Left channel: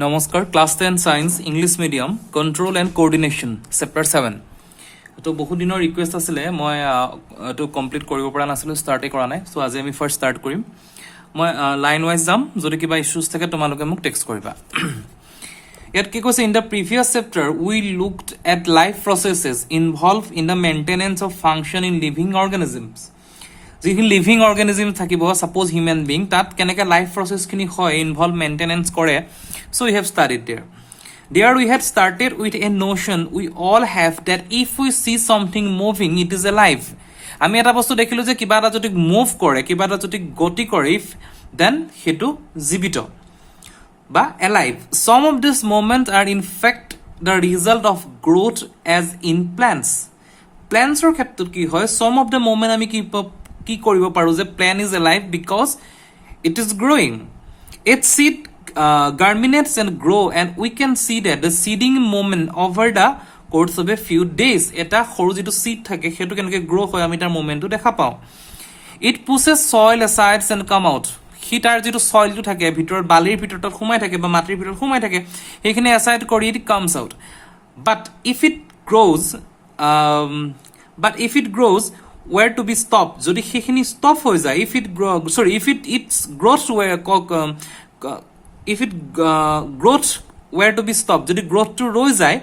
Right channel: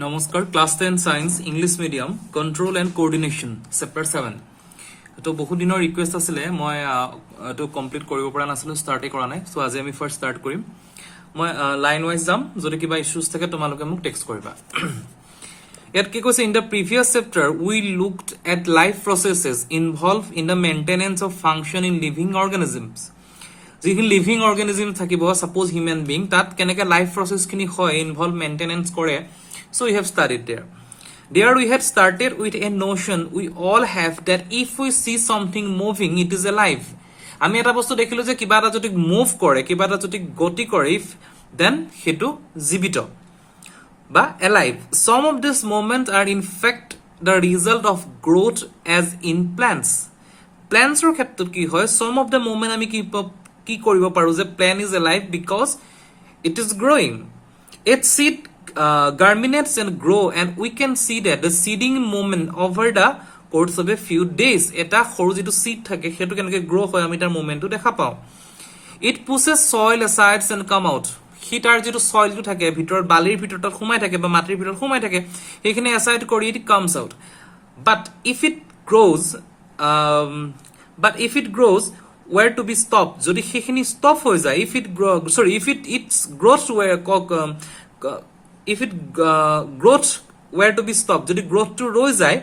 নমস্কাৰ class 10 science English medium control and coordination chapter 7 তো বহুত দিনৰ ৰিকুৱেষ্ট আছিলে মই এটো কমপ্লিট কৰিব পৰা নাছিলো ষ্টাৰ্টে কৰা নাই সো আজি আমি ফাৰ্স্ট ষ্টাৰ্ট কৰিম মই লাইন ওয়াইজ যাম যদি কিবা ইস্যুজ থাকে তোমালোকে মোক টেক্সট কৰিবা ইয়াত কি কৈছে in the previous chapter we looked at life processes involved in the maintenance of function in living organisms যিখিনি লিভিং অৰ্গানিজম থাকিব সাপোজ হিউম্যান বিং তাত কেনেকা লাইফ প্ৰসেস খিনি হয় ইনভলভ মেইনটেনেন্স কৰে so we have studied there we had started with a notion we all have that if we see something moving it is alive আমি এটা বস্তু দেখিলো যে কিবা এটা যদি মুভ কৰে কিবা এটা যদি গতি কৰে if then হেতু জীবিত বা alive some of these moments are in fact the result of growth as in plants ৰ ক্ষেত্ৰত কি হয় some of the moment আমি কি কৰিব পাৰো যে plant is alive because it is growing its seed germinates and grow and we can see that the seeding moment over the course of a few days eta khoru jitu seed thake hetu kenake grow hoy ami tar moment tu dekha pao it pushes soil aside and come out hitar jitu soil tu thake bhitor balir bhitor ta khumai thake ba matir bhitor khumai thake hekhine aside kori it comes out but if it grows where to be stopped jodi hekhini stop hoy jay if its growth where if it growth were to be stopped যদি growth to rose যায়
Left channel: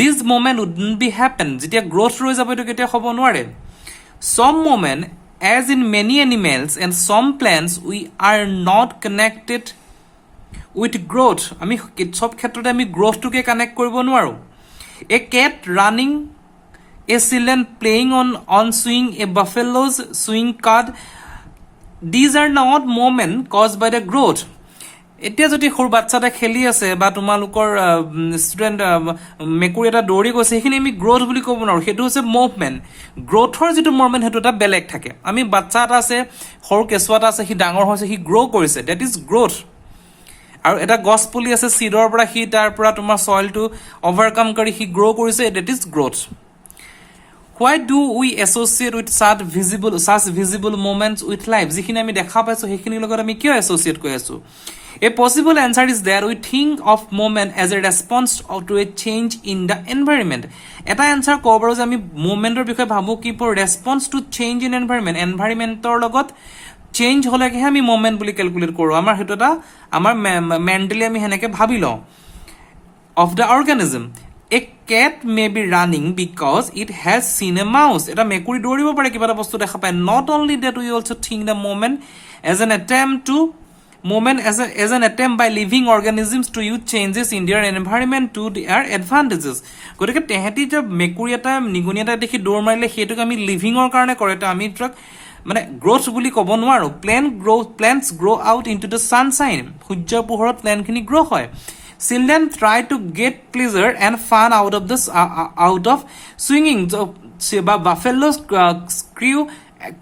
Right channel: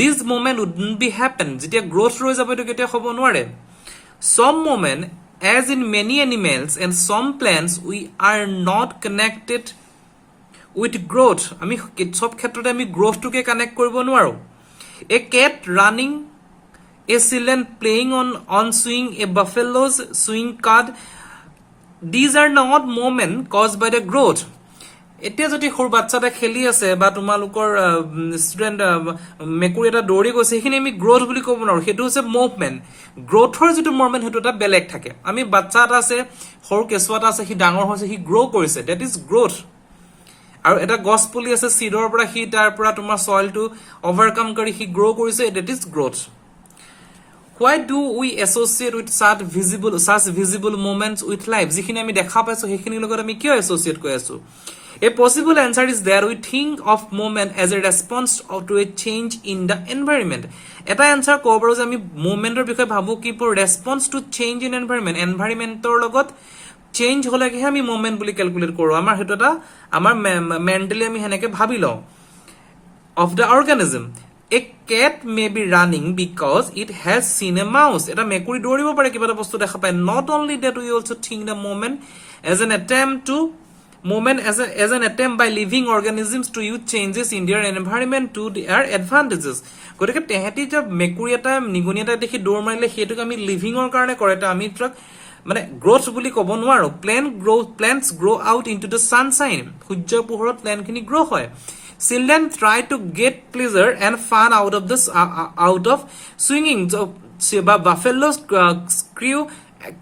this moment wouldn't be happen যেতিয়া growth rose যাব তো কেতিয়া হ'ব নোৱাৰে some moment as in many animals and some plants we are not connected with growth আমি সব ক্ষেত্ৰতে আমি growth টোকে কানেক্ট কৰিব নোৱাৰো a cat running a children playing on swing a buffalo's swing card these are not moment caused by the growth এতিয়া যদি খৰ বাচ্চাটা খেলি আছে বা তোমালোকৰ ষ্টুডেন্ট মেকুৰী এটা দৌৰি গৈছে সেইখিনি আমি গ্ৰোথ বুলি ক'ব নোৱাৰো হেতু হৈছে মুভমেন্ট গ্ৰোথৰ যেটো মুভমেন্ট হেতু এটা বেলেগ থাকে আমি বাচ্চা এটা আছে খৰ কেছুৱাটা আছে হি ডাঙৰ হৈছে হি গ্ৰো কৰিছে দ্যাট ইজ গ্ৰোথ আৰু এটা গছ পুলি আছে সিডৰ পৰা হি তাৰ পৰা তোমাৰ সয়েল টু ওভাৰকাম কৰি হি গ্ৰো কৰিছে that is growth why do we associate with such visible moments with life যিখিনি আমি দেখা পাইছো সেইখিনি লগত আমি কিয় এছ'চিয়েট কৰি আছো A possible answer is there we think of moment as a response to a change in the environment. Eta answer ko paru je ami movement or bikhoy bhabu ki por response to change in environment or logot change hole ke ami moment buli calculate koru amar hetu ta amar mentally ami heneke bhabilo of the organism a cat may be running because it has seen a mouse eta mekuri doribo pare kiba ta bostu dekha pai not only that we also think the moment as an attempt by living organisms to use changes in their environment to their advantages গতিকে তেহেতি যে মেকুৰী এটা নিগুনি এটা দেখি দৌৰ মাৰিলে হেতুক আমি living অৰ কাৰণে কৰে তা আমি ট্ৰাক মানে গ্ৰোথ বুলি ক'ব নোৱাৰো plants grow out into the sunshine সূৰ্যৰ পোহৰত প্লান্ট খিনি গ্ৰো হয় children try to get pleasure and fun out of swinging বা buffaloes screw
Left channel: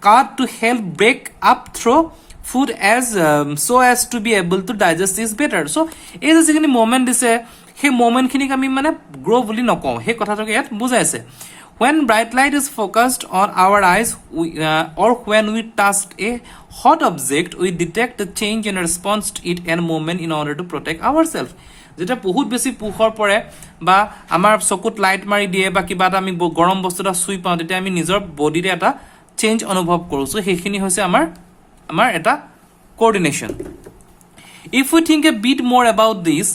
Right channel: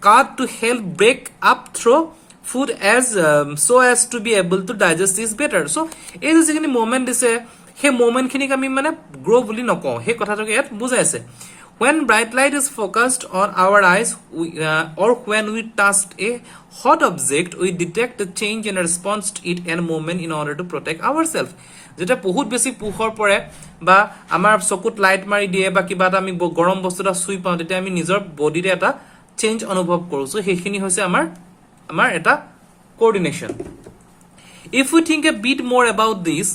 card to help break up through food as so as to be able to digest this better so এই যিখিনি moment দিছে হে moment খিনি আমি মানে grow বুলি নকও হে কথাটো ইয়াত বুজাইছে when bright light is focused on our eyes or when we touch a hot object we detect a change in response to it and movement in order to protect ourselves যেটা বহুত বেছি পোহৰ পৰে বা আমাৰ চকুত লাইট মাৰি দিয়ে বা কিবা এটা আমি গৰম বস্তুটা সুই পাও তেতিয়া আমি নিজৰ বডিৰে এটা চেঞ্জ অনুভৱ কৰো সো হেখিনি হৈছে আমাৰ এটা coordination if we think a bit more about this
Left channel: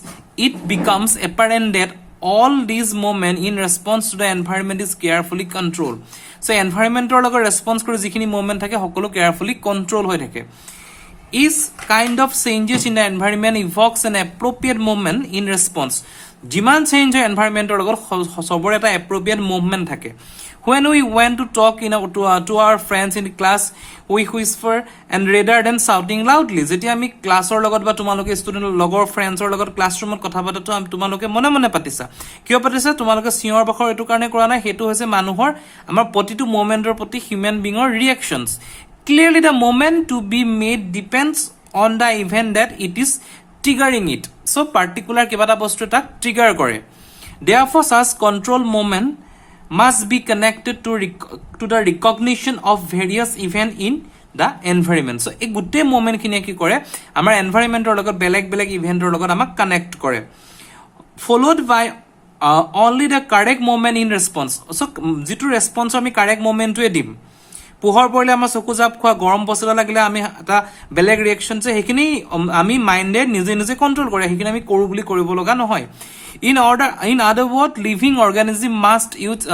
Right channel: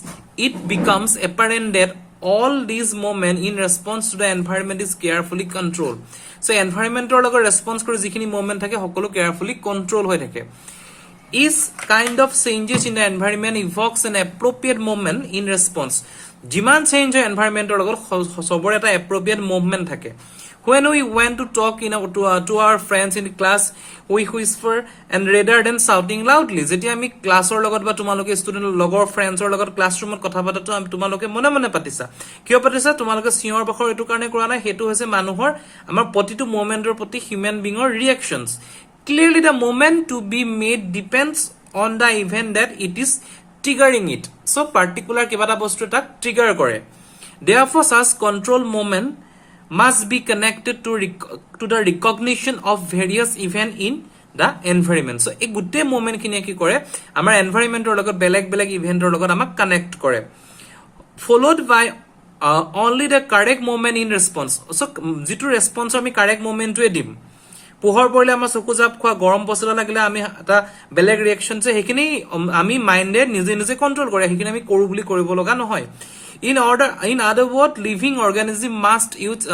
it becomes apparent that all these moments in response to the environment is carefully controlled so environment or logo response kori jikhini moment thake hokolo carefully control hoy thake is kind of changes in the environment evokes an appropriate moment in response jiman change hoy environment or logo sobor eta appropriate movement thake when we went to talk to our friends in the class we whisper and rather than shouting loudly jetia ami class or logot ba tumaloke student logor friends or logot classroom ot kotha pata to tumaloke mone patisa kiyo patisa tumaloke sior bakhor etu karone kora na hetu hoise manuhor amar protitu moment or proti human being or reactions clearly the moment to be made depends on the event that it is triggering it so particular kibata bostu ta trigger kore therefore such control moment must be connected to the recognition of various events in the environment. So এই গোটেই moment খিনি কি কৰে আমাৰ এনভাইৰনমেন্টৰ লগত বেলেগ বেলেগ ইভেন্টৰ লগত আমাক কানেক্ট কৰে followed by only the correct moment in response. So যিটো ৰেসপন্স আমি কাৰেক্ট মোমেন্টটোৱে দিম পোহৰ পৰিলে আমাৰ চকু জাপ খোৱা গৰম বস্তু লাগিলে আমি এটা বেলেগ ৰিয়েকশন যে হেখিনি আমি মাইন্ডে নিজে নিজে কন্ট্ৰোল কৰে হেখিনি আমি কৰো বুলি কৰিব লগা নহয় in other word living organism must use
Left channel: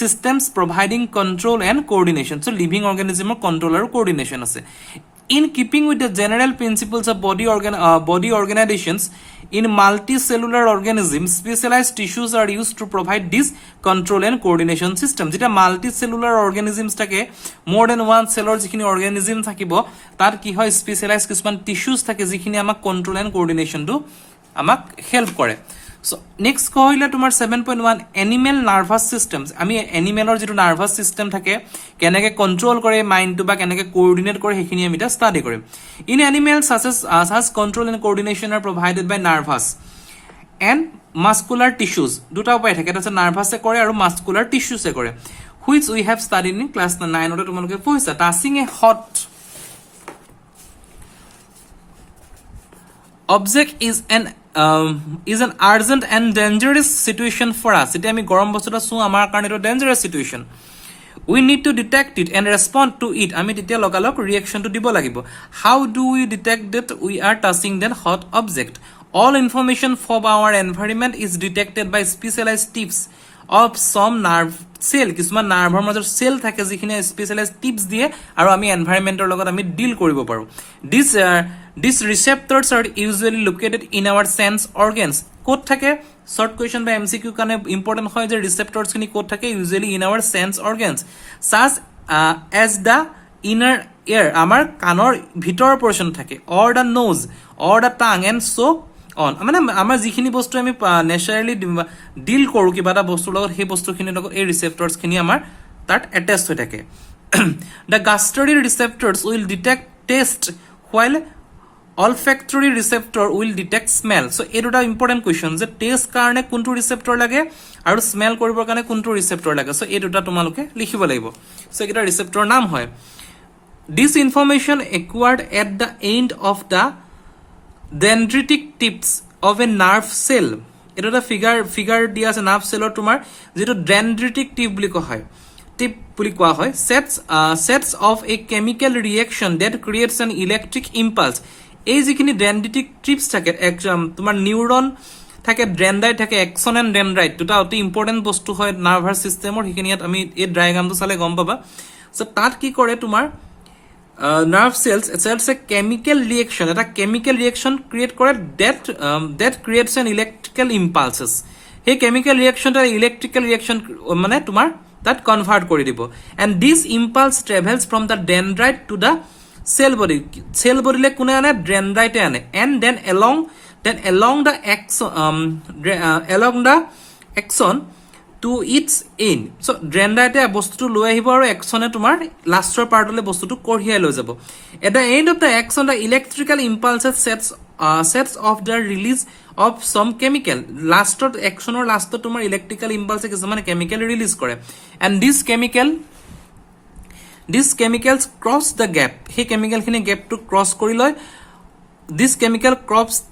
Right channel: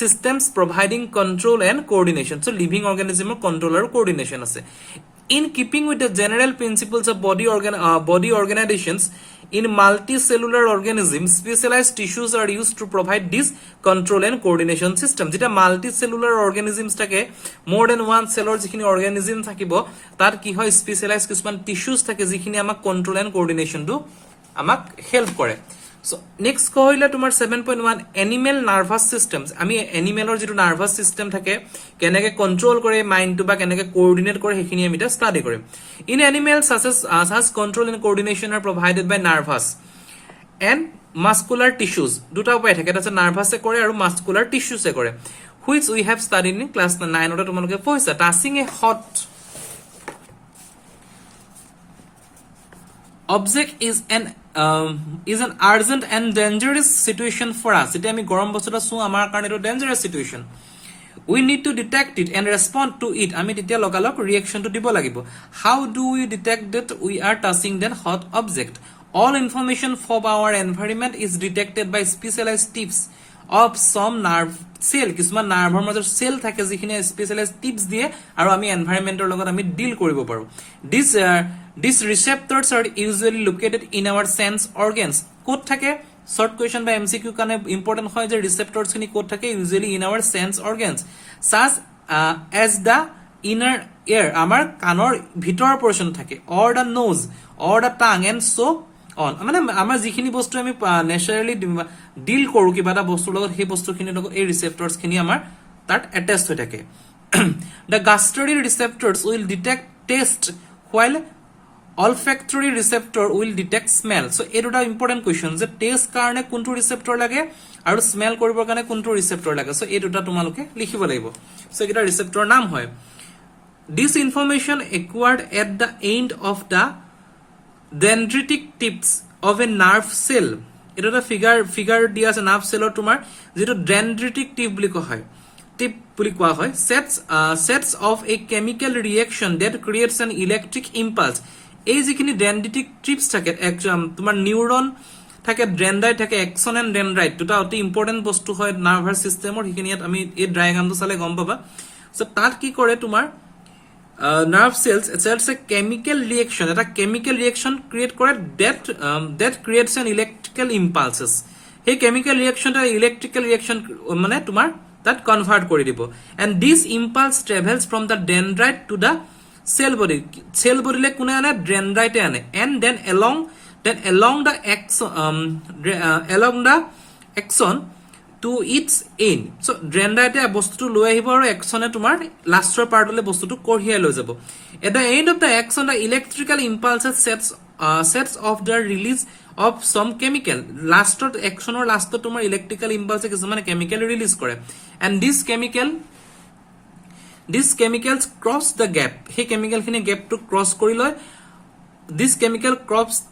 systems providing control and coordination. So living organism control and coordination ase in keeping with the general principles of body organizations. In multicellular organisms, specialized tissues are used to provide this control and coordination system. Jeta multicellular organisms take more than one cellular jikhini organism thakibo tar ki hoy specialized kisman tissues thake jikhini amak control and coordination do amak help kore. So next kohile tumar 7.1 animal nervous systems. Ami animalor jitu nervous system thake keneke control kore mind to ba keneke coordinate kore hekhini ami ta study kore. In animals such control and coordination are provided by nervous and muscular tissues. Duta upai thake eta nervous e kore aru muscular tissues e kore which we have studied in class 9 ota tumaloke poisa. Touching a hot object is an urgent and dangerous situation for us. Ite ami gorom bostuta su amar karone to dangerous situation. We need to detect it and respond to it. Ami titia logalok reaction to dibo lagibo. How do we detect that we are touching that hot object? All information from our environment is detected by specialized tips of some nerve cell. Kisman nerve major cell thake jikhine specialized tips diye aru ami environment or logot ami deal koribo paru. These receptors are usually located in our sense organs. Code thake short question by MCQ kane important hoy je receptors kini code thake usually in our sense organs such as the inner ear amar kanor bhitor portion thake or the nose or the tongue and so on. মানে আমাৰ যিখিনি বস্তু আমি ন্যাচাৰালি ডিল কৰো কিবা এটা বস্তুৰ লগত সেই বস্তুখিনিৰ লগত এই ৰিসেপ্টৰছ খিনি আমাৰ তাত এটাচড হৈ থাকে the gustatory receptors will detect taste while olfactory receptor will detect smell. So এই দুটা ইম্পৰ্টেন্ট কোৱেশ্চন যে টেষ্ট কাৰণে কোনটো ৰিসেপ্টৰ লাগে আৰু স্মেল কৰিবৰ কাৰণে কোনটো ৰিসেপ্টৰ লাগে. সো এই দুটা তোমালোকে লিখিব লাগিব. সো এটা ৰিসেপ্টৰ নাম হয়. This information acquired at the end of the dendritic tips of a nerve cell. It is a figure dias a nerve cell or tumor zero dendritic tip buli koha hoy tip buli koha hoy sets of a chemical reaction that creates an electric impulse. Ei jikhini dendritic tips thake tumar neuron thake dendrite thake axon and dendrite duta oti important bostu hoy nervous system or hikiniyat ami ei diagram to sale gom paba. So tat ki kore tumar nerve cells a chemical reaction eta chemical reaction create kore that creates an electrical impulses. Hey chemical reaction ta electrical reaction mane tumar that convert kori dibo and this impulse travels from the dendrite to the cell body le kune ane dendrite ane and then along the axon to its end. So dendrite bostu loi ahibo aru axon tumar lastor part ole bostu tu korhiai loi jabo. At the end of the axon the electrical impulses sets off the release of some chemical. Lastor axon or lastor tumar electrical impulse kismane chemical release kore and these chemicals cross the gap. He chemical khine gap to cross kori loy. This chemical cross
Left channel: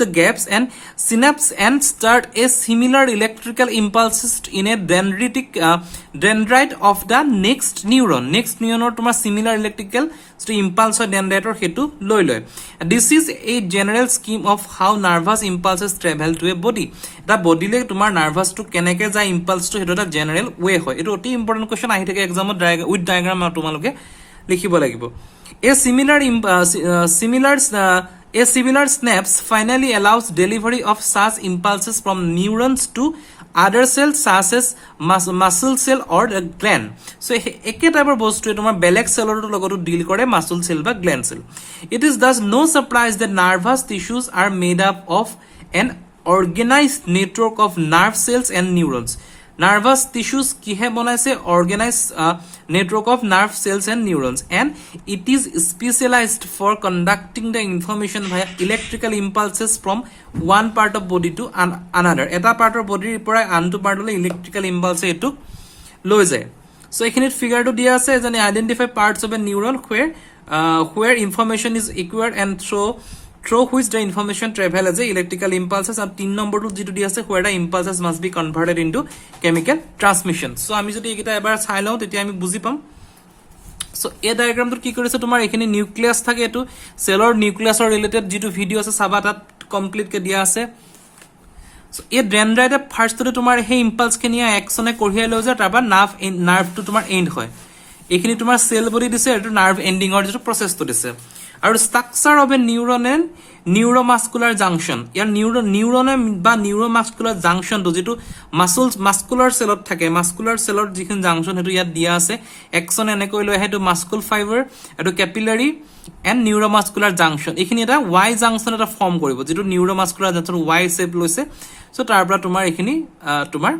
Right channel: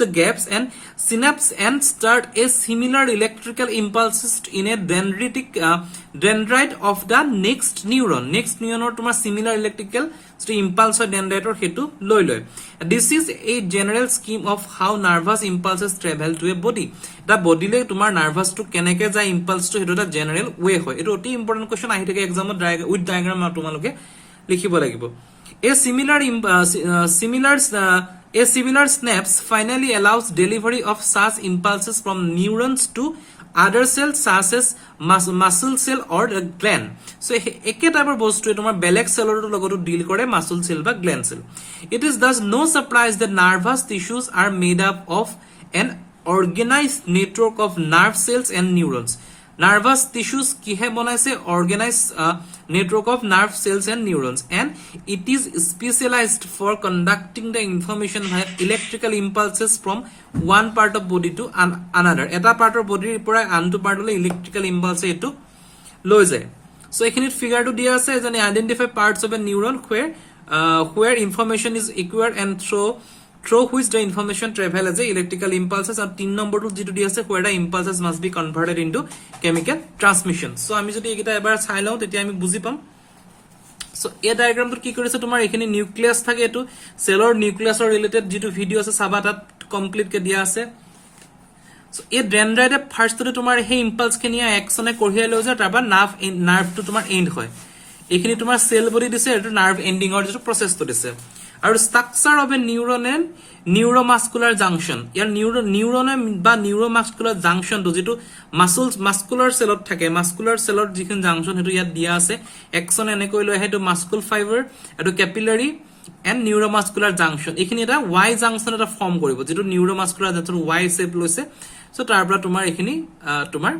the gaps and synapse and start a similar electrical impulses in a dendrite of the next neuron or tumar similar electrical impulse or dendrite or hetu loi. This is a general scheme of how nervous impulses travel to a body. The body le tumar nervous to keneke ja impulse to hetu ta general way hoy. Eto oti important question ahi thake exam with diagram tumaloke likhibo lagibo. A similar synapse finally allows delivery of such impulses from neurons to other cells such as muscle cell or gland. So eke type of bostu tomar beleg cell or logoto deal kore muscle cell ba gland cell. It is thus no surprise that nervous tissues are made up of an organized network of nerve cells and neurons. Nervous tissues kihe bonaise organized network of nerve cells and neurons and it is specialized for conducting the information via electrical impulses from one part of body to another. Eta part of body pora another part of electrical impulse etu loi jay. So এখিনিত ফিগাৰটো দিয়া আছে যেন identify parts of a neuron where information is acquired and through which the information travel as a electrical impulses and 3 নম্বৰটো যেটো দিয়া আছে where the impulses must be converted into chemical transmission so আমি যদি এটা এবাৰ চাই লওঁ তেতিয়া আমি বুজি পাম সো এই ডায়াগ্ৰামটো কি কৰিছে তোমাৰ এখিনি নিউক্লিয়াছ থাকে এটো সেলৰ নিউক্লিয়াছৰ ৰিলেটেড যেটো ভিডিও আছে চাবা তাত কমপ্লিট কে দিয়া আছে সো এই ডেনড্ৰাইটে ফাৰ্স্টতে তোমাৰ হে ইম্পালস খিনি একচনে কঢ়িয়াই লৈ যায় তাৰপা নাৰ্ভটো তোমাৰ এন্ড হয় এখিনি তোমাৰ সেল বডি দিছে এটো নাৰ্ভ এন্ডিংৰ যেটো প্ৰসেসটো দিছে আৰু structure of a neuron and neuromuscular junction ইয়াৰ নিউৰনে বা নিউৰোমাস্কুলাৰ জাংশনটো যেটো মাস্কুলাৰ সেলত থাকে মাস্কুলাৰ সেলত যিখন জাংশন হেতু ইয়াত দিয়া আছে একচন এনে কৈ লৈ হেতু মাস্কুল ফাইবাৰ এটো ক্যাপিলাৰি এন্ড নিউৰোমাস্কুলাৰ জাংশন এখিনি এটা ওয়াই জাংশন এটা ফৰ্ম কৰিব যেটো নিউৰোমাস্কুলাৰ জাংশন ওয়াই শেপ লৈছে সো তাৰ পৰা তোমাৰ এখিনি তোমাৰ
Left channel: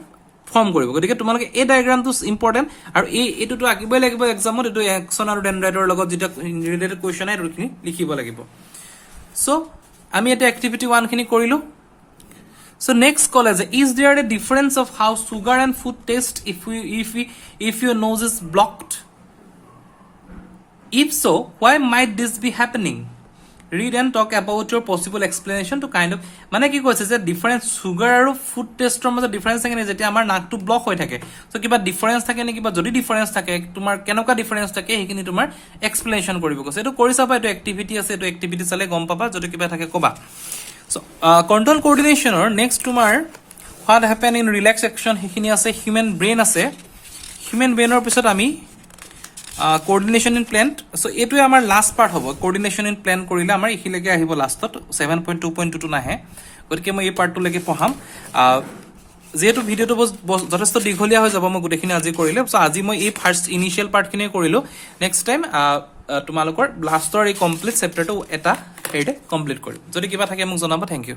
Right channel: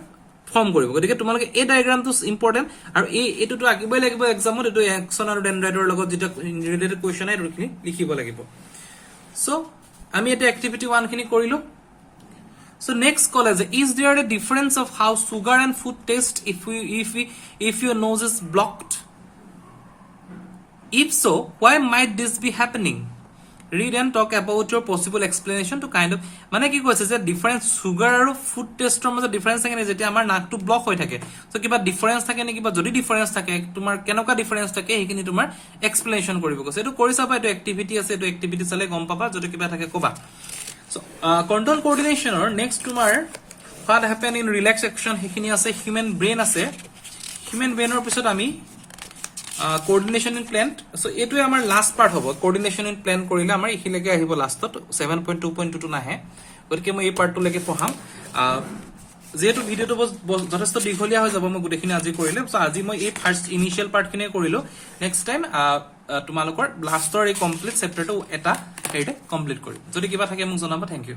ফৰ্ম কৰিব গতিকে তোমালোকে এই ডায়াগ্ৰামটো ইম্পৰ্টেন্ট আৰু এটোটো আকিবই লাগিব এক্সামত এটো একচন আৰু ডেনড্ৰাইটৰ লগত যেটা ৰিলেটেড কোৱেশ্চন আই ৰখিনি লিখিব লাগিব সো আমি এটা এক্টিভিটি 1 খিনি কৰিলো সো নেক্সট কল আছে is there a difference of how sugar and food taste if your nose is blocked if so why might this be happening read and talk about your possible explanation to kind of মানে কি কৈছে যে difference sugar আৰু food টেষ্টৰ মাজত difference থাকে যে আমাৰ নাকটো ব্লক হৈ থাকে সো কিবা ডিফাৰেন্স থাকে নে কিবা যদি ডিফাৰেন্স থাকে তোমাৰ কেনেকুৱা ডিফাৰেন্স থাকে হেখিনি তোমাৰ এক্সপ্লেনেশন কৰিব কৈছে এটো কৰি চাবা এটো এক্টিভিটি আছে এটো এক্টিভিটি চালে গম পাবা যদি কিবা থাকে কবা সো কন্ট্ৰোল কোঅৰ্ডিনেশনৰ নেক্সট তোমাৰ what happen in relax action হেখিনি আছে হিউম্যান ব্ৰেইন আছে হিউম্যান ব্ৰেইনৰ পিছত আমি coordination in plan so এটোই আমাৰ লাস্ট পাৰ্ট হ'ব coordination in plan কৰিলে আমাৰ ইখিলৈকে আহিব লাষ্টত 7.2.2 নাহে গতিকে মই এই পাৰ্টটো লৈকে পঢ়াম যেহেতু ভিডিওটো যথেষ্ট দীঘলীয়া হৈ যাব মই গুটেখিনি আজি কৰিলে সো আজি মই এই ফাৰ্স্ট ইনিশিয়াল পাৰ্ট খিনি কৰিলো নেক্সট টাইম তোমালোকৰ লাষ্টৰ এই কমপ্লিট চেপ্টাৰটো এটা হেৰিতে কমপ্লিট কৰিম যদি কিবা থাকে মোক জনাবা থ্যাংক ইউ